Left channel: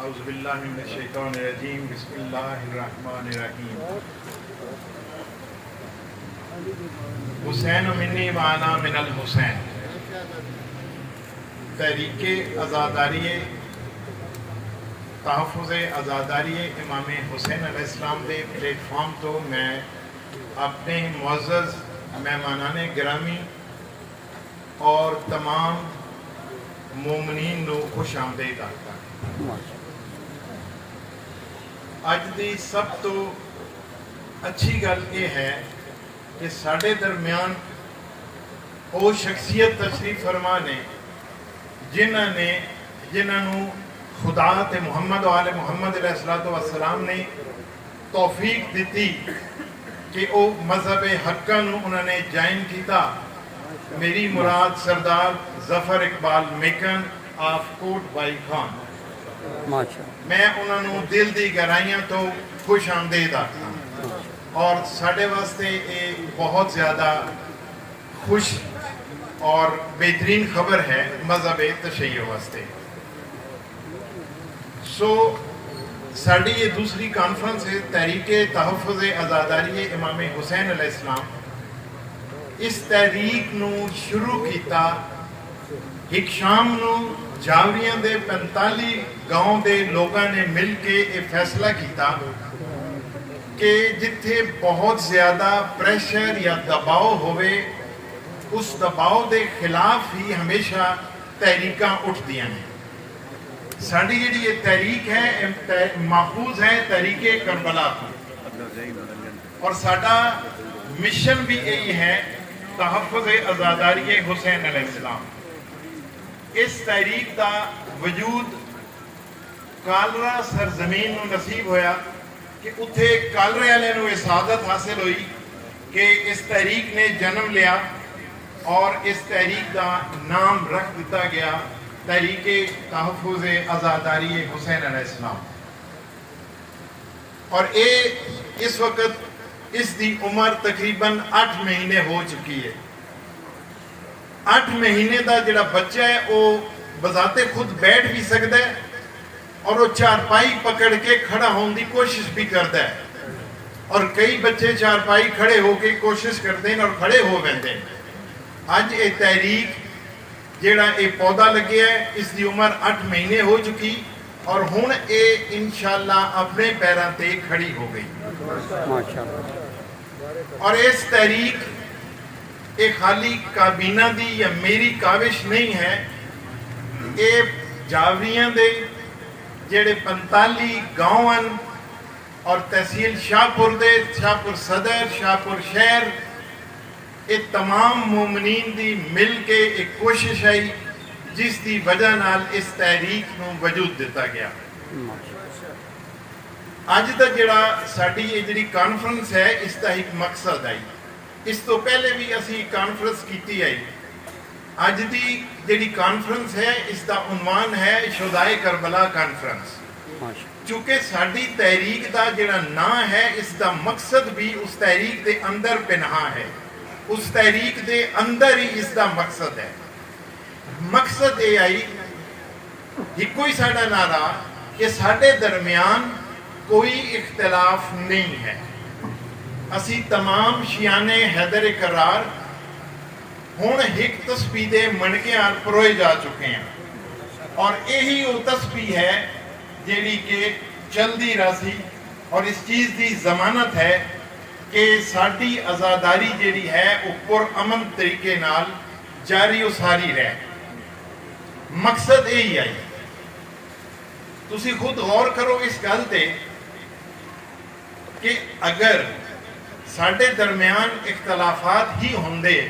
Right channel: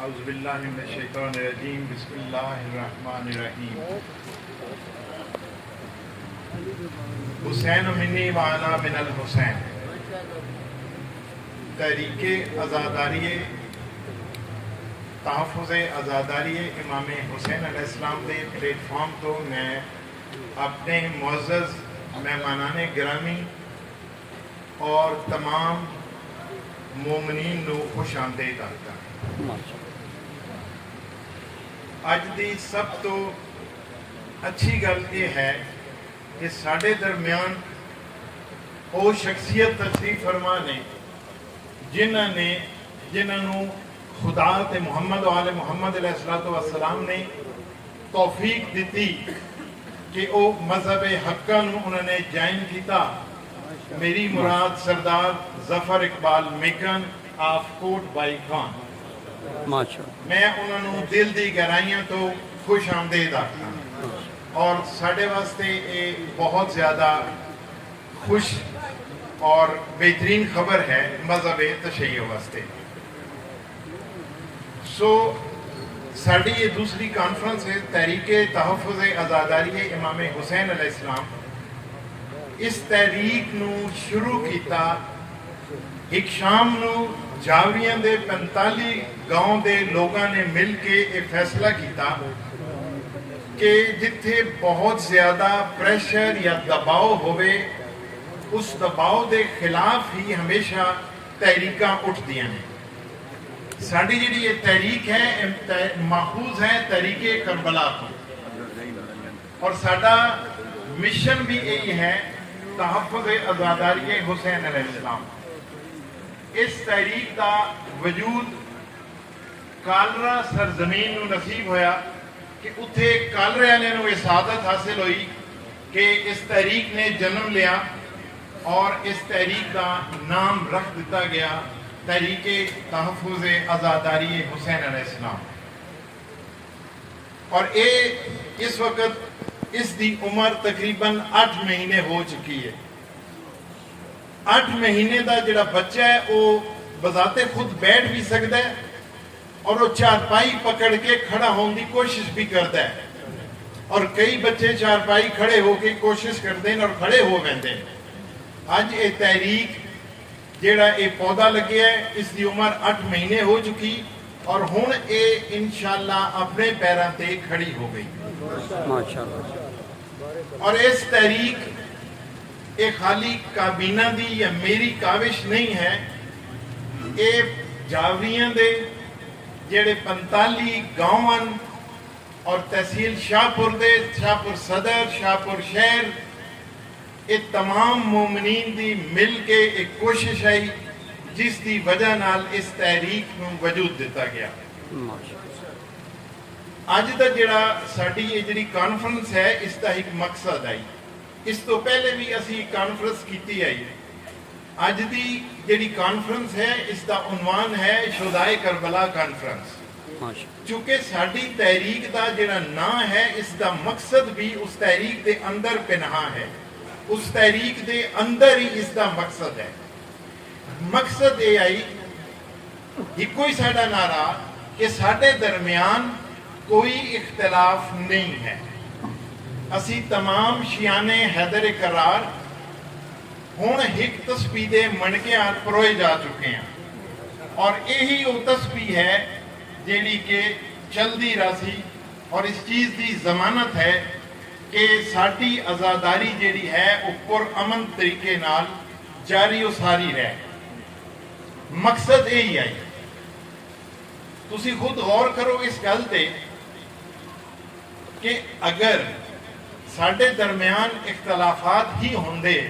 أعوذ بالله من الشيطان الرجيم بسم الله الرحمن الرحيم حسین منی وانا من الحسین تحریک آزاداری تحفظ آزاداری امام حسین علیہ السلام دے پلیٹ فارم تو میں اپنے معزز مہمانان گرامی اور تمام مومنین نو خوش آمدید آتا اج دی سب تو اچھی گل یہ ہے کہ ساڈے درمیان وہ شخصیت تشریف فرما نے جنہوں خدا تے محمد و آل محمد علیہ السلام نے توفیق دیتی کہ وہ مذہب حقہ نو انہوں نے جائن کیتا. میری مراد سردار ظفر اقبال میکن آف کوٹ بائی خان. میں انہوں نے دل دی گہرائیاں تو خوش آمدید آتا اور ساڑھے واسطے یہ بہت زیادہ خوش اور بہترین خبر ہے مذہب تشیع واسطے. ساڑھی یہ دوسری کانفرنس ہے تحریک تحفظ آزاداری امام حسین علیہ السلام. اس تحریک نو شروع کیتا ایک شام نو جاوریاں دے 45 گاؤں دے لوگاں نے مل کے یہ فیصلہ کیتا کہ جتھے بہت زیادہ پریشر یا دباؤ ہوئے اس دباؤ دے خلاف ہی ہمیشہ تحریکاں اٹھ دیا ہیں. ساڑھی جڑی یہ تحریک ہے ماخوذ ہے تحریک کربلا کی اور ساڑھا مشن بھی یہی ہے تحفظ آزاداری حسین علیہ السلام. اس تحریک کا وجود کالرا سرزمین نو نصیب ہویا کہ اتھے کالرے والے نو یہ سعادت حاصل ہوئی کہ اس تحریک نے جنم لیا اور اس تحریک کا نام رکھ دیتا گیا تحریک تحفظ آزاداری حسین علیہ السلام. اور اس وقت اس دی عمر تقریباً 8 مہینے ہو چکی ہے. 8 مہینے دا جڑا بچہ ہے وہ بذات خود بیٹھ بھی سکتا ہے اور وہ چارپائی پکڑ کے کھڑا ہونے دی کوشش بھی کرتا ہے اور کئی بچے چارپائی کھڑے ہو کے کوشش کرتے ہیں اور کھڑے ہو بیندے ہیں. آج یہ تحریک جیڑا یہ پودا لگے ہے اس دی عمر 8 مہینے ہو چکی اور ہن اے انشاءاللہ اپنے پیراں تے کھڑی ہو گئی ماشاءاللہ. اور اس تحریک یہ خالی کابینہ دی یا میری کاوش نہیں ہے. یہ جاوریاں دے جڑے 45 گاؤں اور تحصیل شاہپور دے شاہپور صدر شاہپور شہر یہ تمام مومنین دی مل کے ایک کوشش آئی جس دی وجہ نال اس تحریک نو وجود دیتا گیا. اج دا جڑا ساڈی یہ جڑی کانفرنس ہے اس دا ایک مقصد آئی. اس تو پہلے بھی اسی کانفرنس کیتی آئی. اج دی جڑی کانفرنس ہے اس دا عنوان ہے شہدائے کربلا کانفرنس. چونکہ ساڈی تحریک دا جڑا نام ہے اس دا مقصد بھی اس تحریک دے اندر پنہاں ہے. اس تحریک دے اندر ہی اس دا مقصد ہے. مقصد یہ آئی ایک ہی ساڈا نعرہ کہ ساڈے درمیان کوئی اختلاف نہیں ہے. اسی تمام شیعان حیدر کرار ہن ایک تسبیح دے منکے پروئے جا چکے ہیں اور یہی وہ تسبیح ہے جیڑی کہ چلدی راسی اور اس چیز دی ضمانت ہے کہ ساڈی آزاداری جیڑی ہے وہ پرامن طریقے نال جاری و ساری رہے. مقصد یہی آئی. تسی خود غور کرو اس گل تے کہ اگر ساڈے درمیان اختلافات ہی ہوندے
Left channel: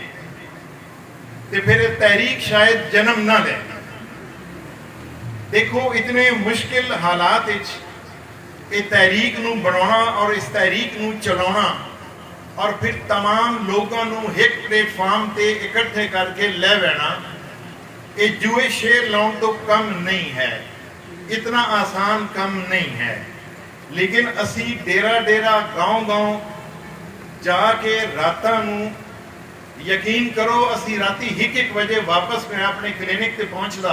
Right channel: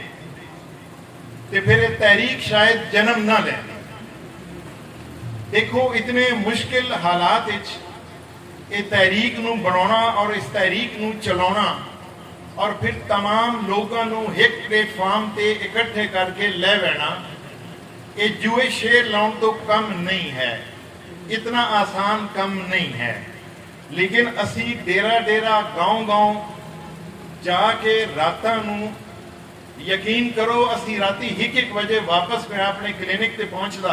تو پھر تحریک شاید جنم نہ لے. دیکھو اتنے مشکل حالات یہ تحریک نو بنانا اور اس تحریک نو چلانا اور پھر تمام لوگوں نو ایک پلیٹ فارم تے اکٹھے کر کے لے بینا یہ جوئے شیر لاؤن تو کم نہیں ہے. اتنا آسان کم نہیں ہے. لیکن اسی ڈیرا ڈیرا گاؤں گاؤں جا کے راتاں نو یقین کرو اسی راتی 1 بجے واپس میں اپنے کلینک تے پہنچدا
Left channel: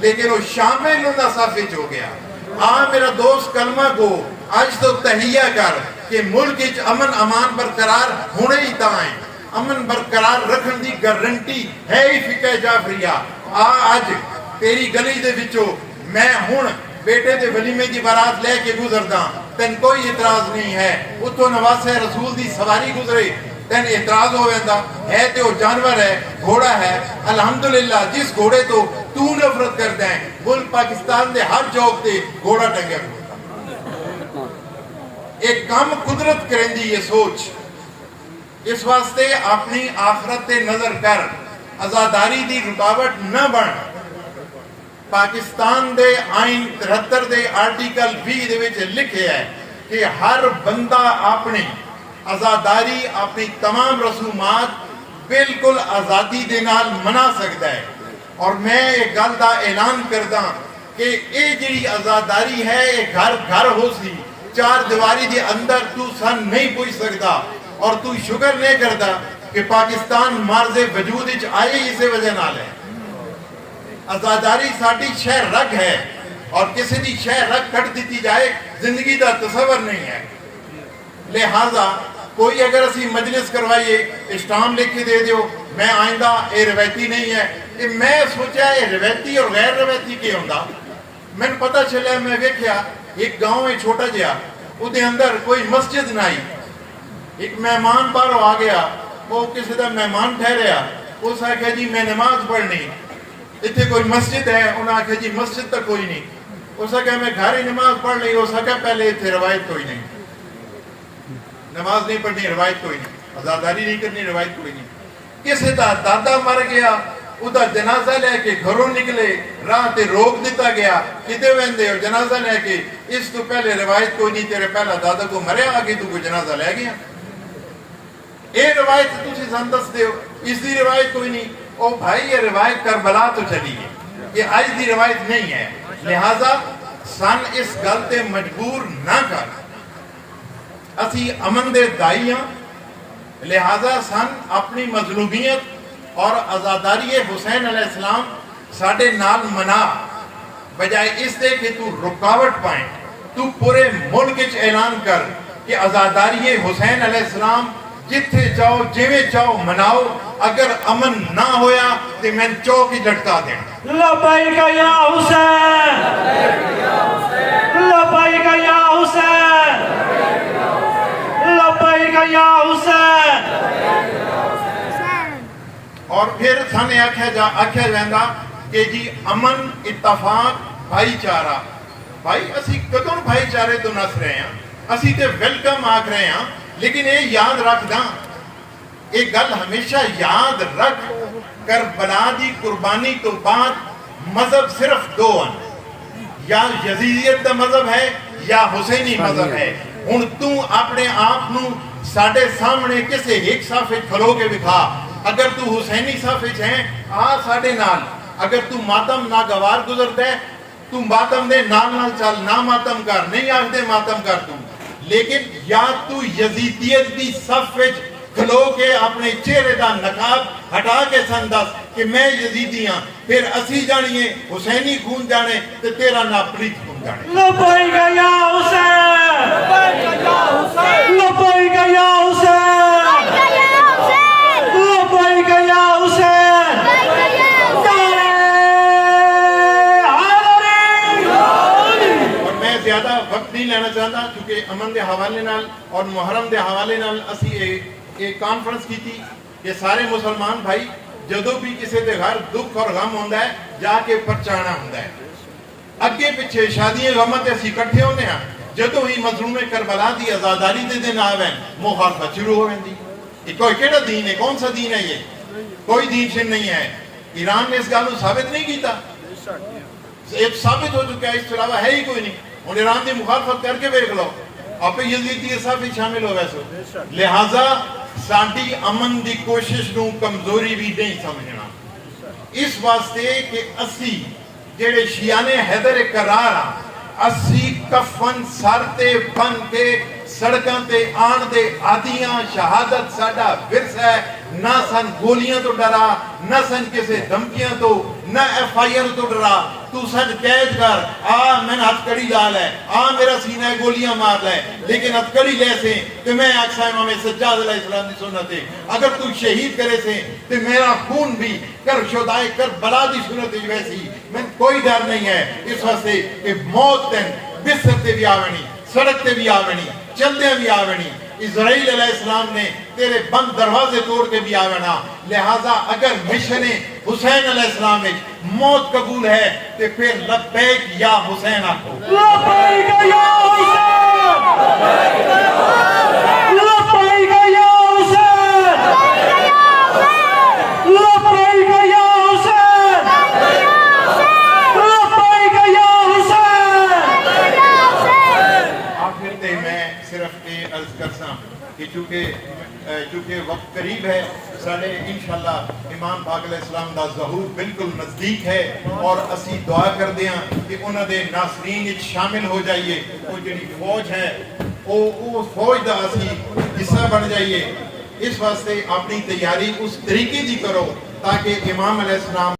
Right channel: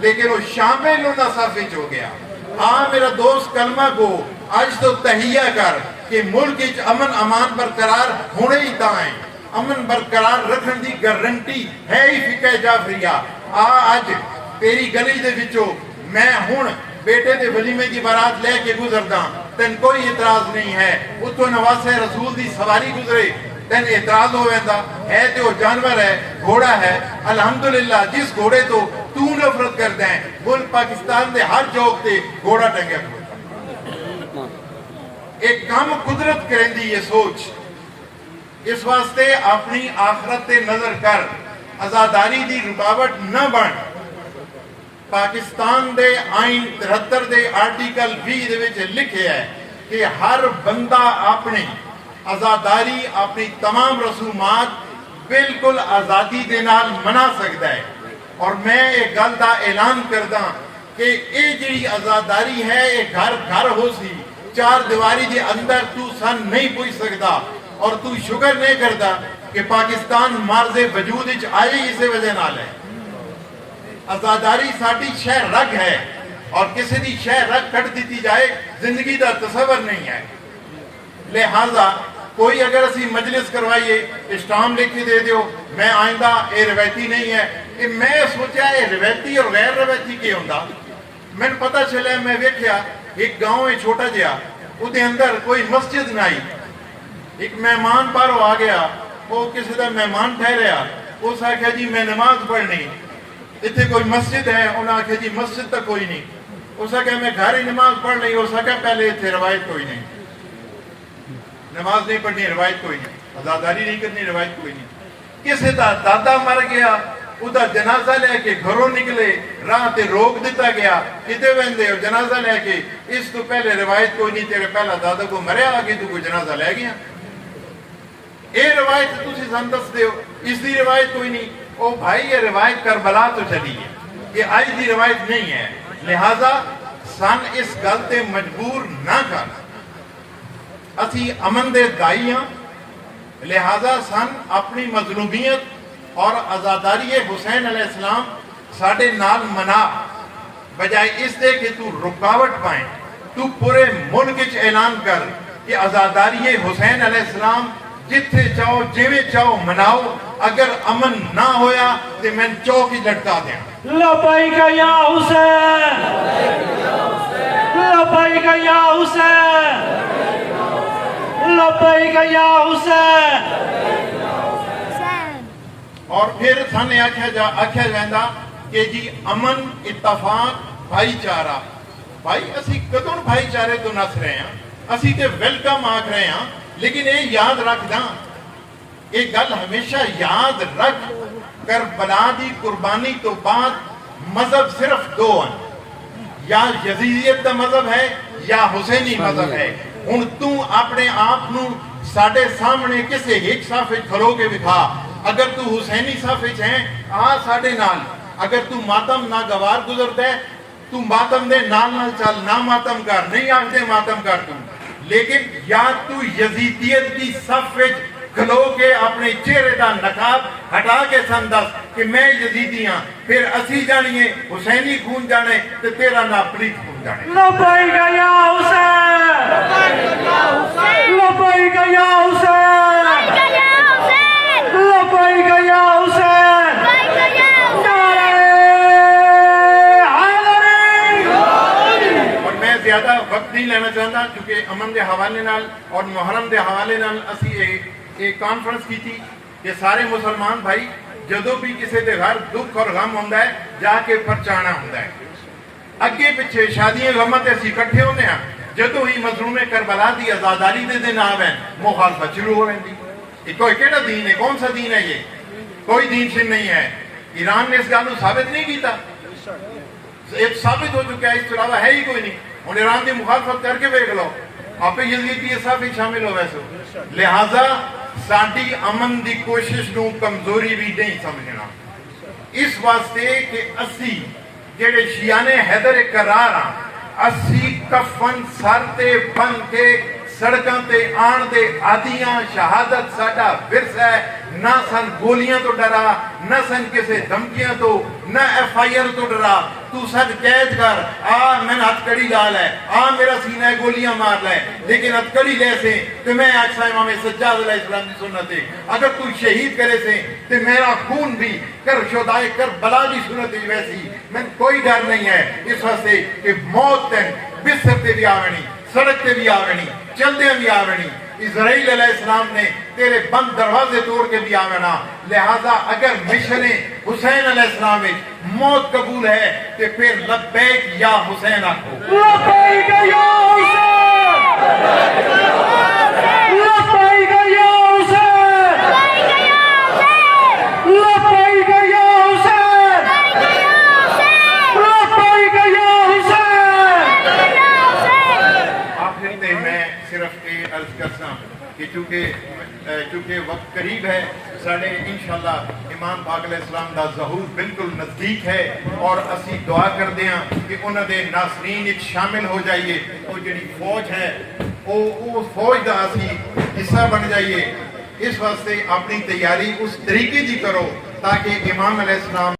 لیکن وہ شامل انہاں صف وچ ہو گیا. میرا دوست کلمہ کو اج تو تحیہ کر کہ ملک وچ امن امان برقرار ہونے ہی تاں ہے. امن برقرار رکھن دی گارنٹی ہے ہی فقہ جعفریہ. اج تیری گلی دے وچوں میں ہن بیٹے دے ولیمے دی بارات لے کے گزردا, تین کوئی اعتراض نہیں ہے. اتوں نواسے رسول دی سواری گزرے, تین اعتراض ہو ویندا ہے تے وہ جانور ہے, گھوڑا ہے. الحمدللہ جس گھوڑے تو نفرت کردا ہے, ملک پاکستان دے ہر چوک تے گھوڑا ٹنگیا کھڑوتا. ایک کام قدرت کریندی یہ سوچ. اس واسطے اپنی آخرت تے نظر کر, آزاداری دی رکاوٹ نہ بن. پاکستان دے آئین 73 دے آرٹیکل 20 دے وچ لکھے ہے کہ ہر بندہ اپنی آزاداری, اپنی تمام رسومات بالکل آزادی دے نال منا سکتا ہے. اور میں ایک گل دا اعلان کردا کہ اے جڑی آزاداری ہے یہ گھر ہو سی, چار دیواری دے اندر تو سن نہیں پوچھ سکتا. اور تو شکر نہیں کردا کہ پاکستان مارز وجود وچ آئے اسی وجہ نال ہے. آزاداری ساڈی شہ رگ ہے, اور کسی دی شہ رگ کٹ دیتی جائے زندگی دا تصور نہیں ہے. لہذا کوئی اگر اسی مجلس کروائیے اسٹام لکھ کے دے دیو میں آئندہ اے روایتی نہیں ہے, کہ میں سوچا اے روایتی اور غیر روایتی کی ہوندا. میں پتہ چلا, میں ویکھیا ایک گاؤں ہے چھوٹا جہا, او دے اندر کوئی مسجد نہ آئی. ایک مہمان باہروں آ گیا, وہ کسی دا مہمان ٹھہریا, اس آکھیا جی میں نماز پڑھنی, اتنے کوئی مسجد ہے. انہوں نے آکھا جی مسجد تک کوئی نہیں. اس نے کہا میں گھر ہی نماز پڑھ لی. اس نے کہا پہلے اتنے روایت کوئی نہیں, نماز نہیں پڑھنی روایت کوئی نہیں, آزاداری نہیں کرنی روایت کوئی نہیں. کسی دا دادا مر گیا, ادا جنازہ لے کے گھروں نکلے, راہ تے روک دیتا گیا کتے ویندے ہو جنازہ لے کے, اس تو پہلے روایت کوئی نہیں, تیرے پہلا دادا کو مریا آگے تو کوئی جنازہ لے گیا. اے روایت تسی سن دس دے ہو, اس دی روایت کوئی نہیں. او بھائی یہ روایت کربلا تو چلی ہے, یہ آج دی روایت نہیں ہے. لہذا سن اس گل تے مجبور نہ کر. اسی امن دے دائی ہاں, لہذا سن اپنی مظلومیت اور آزاداری حسین علیہ السلام ساڑھے نال منا, بجائے اس دے کہ تو رکاوٹ پائیں. تو پورے ملک وچ اعلان کر کہ آزاداری حسین علیہ السلام جتھے چاہو جویں چاہو مناؤ, اگر امن نہ ہویا تو میں چوک ہی لٹکا دیں. لبیک یا حسین, لبیک یا حسین, لبیک یا حسین. اور پھر سانے آکھیا جاندا کہ جی امن, اتفاق, بھائی چارہ. بھائی اسی کدوں بھائی چارے تو نس رہے ہیں, اسی تے ویلکم آکھ رہے ہیں. لیکن یہ یاد رکھ دا, ایک گل ہمیشہ یاد رکھ, کربلا دی قربانی تو بعد مذہب صرف دو ہیں, یا یزیدیت دا مذہب ہے یا حسینی مذہب ہے. ہن تو اپنے آپ نو ساڈے سامنے کسے ایک صف وچ کھلو کے دکھا. اگر تو حسینی صف وچ ہے آ ساڈے نال, اگر تو ماتم ناگوار گزردا ہے تو ماتم دے نال چل, نہ ماتم کر, نہیں آکھدے ماتم کر تو. لیکن یا تو یزیدیت دی صف وچ کھلو کے اپنے چہرے دا نقاب ہٹا کے سن دس کہ میں یزیدی ہاں, پھر اسی جانیے حسینی خون جانے تے تیرا نا پلیت خون جانے. لبیک یا حسین, لبیک یا حسین, لبیک یا حسین. نعرہ حیدری. اور میں زیادہ وقت نہیں لینا چاہتا کیونکہ امن دے حوالے نال اور محرم دے حوالے نال اسی ایک کانفرنس کی تھی کہ سارے مسلمان بھائی جدو بھی کسی دے گھر دکھ اور غم ہوندہ ہے جا کے پرچانا ہوندہ ہے. اگے پچھے شادیاں غمت ایسی کٹھے ہونے ہیں, جدو ہی مظلوم کربلا دی آزاداری دے دن آویں مخالفت شروع ہو رہی. یہ کوئی کیڑا دین ہے, کون سا دین ہے یہ؟ کوئی دین شن نہیں ہے. ایران نے اس گالوں ثابت نہیں کیتا, ایک ثابت ہو چکا ہے, اس علاوہ ہے ہی کوئی نہیں. اور ایران دی مخالفت کر کے بیک لو, آپ یزیدی صاحب ہی شامل ہو ویسو. لہذا ساڈی امن دی کوشش نو کمزوری بھی نہیں سمجھنا. اس واسطے کہ اسی جڑے شیعہ حیدر کرار ہاں, اسی کفن سر تے بن کے سڑکاں تے آن دے عادیاں. شہادت ساڈا ورثہ ہے, نہ سن گولیاں تو ڈرا, نہ سن کسے دھمکیاں تو نہ FIR تو ڈرا تو سچ قید کر میں ہتھ کڑی لا لے میرا سینہ گولیاں مار لے لیکن ہتھ کڑی لے سے تو میں اکسا امام سجاد علیہ السلام کی سنت ہے اگر تو شہید کرے سے تو میرا خون بھی کر شدائے کر بلا دی سنت ویسی میں کوئی ڈر نہیں ہے اس واسطے کہ موت تین بستر تے بھی آونی سڑک تے بھی آونی چلدے بھی آونی اسرائیل علیہ السلام نے تیرے بند دروازے توڑ کے بھی آونا لہذا اگر مشن حسین علیہ السلام میں موت قبول ہے تو پھر لبیک یا حسین آکھو لبیک یا حسین لبیک یا حسین لبیک یا حسین لبیک یا حسین آخر تے میں صرف یہ عرض کرساں کہ چونکہ وقت قریب ہے ساڑھے انشاءاللہ امام پاک علیہ السلام دا ظہور بالکل نزدیک ہے اور اسی دعا کر دیاں کہ انہاں دے ناصرین اچ شامل ہو جائیے وہ جڑی فوج ہے وہ فوج دا اسی حصہ بن جائیے اس واسطے اپنی تیاری اس طریقے دی کرو تاکہ امام علیہ السلام